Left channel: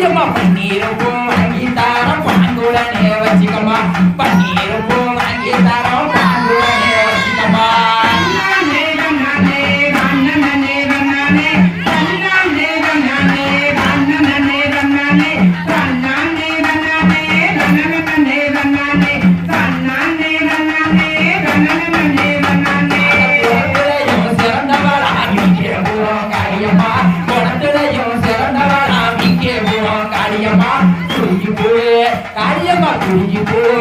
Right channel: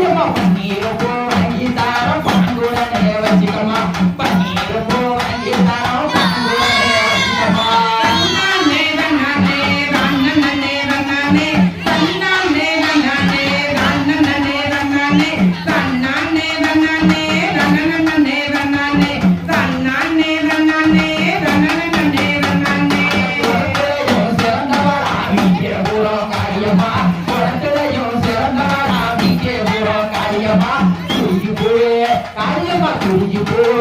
que é You pay?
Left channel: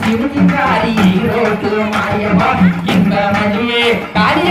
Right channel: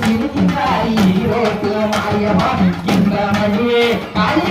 சிரிக்கின்றாய் ஈரோட்டு மாயவா இந்த மணியே காய்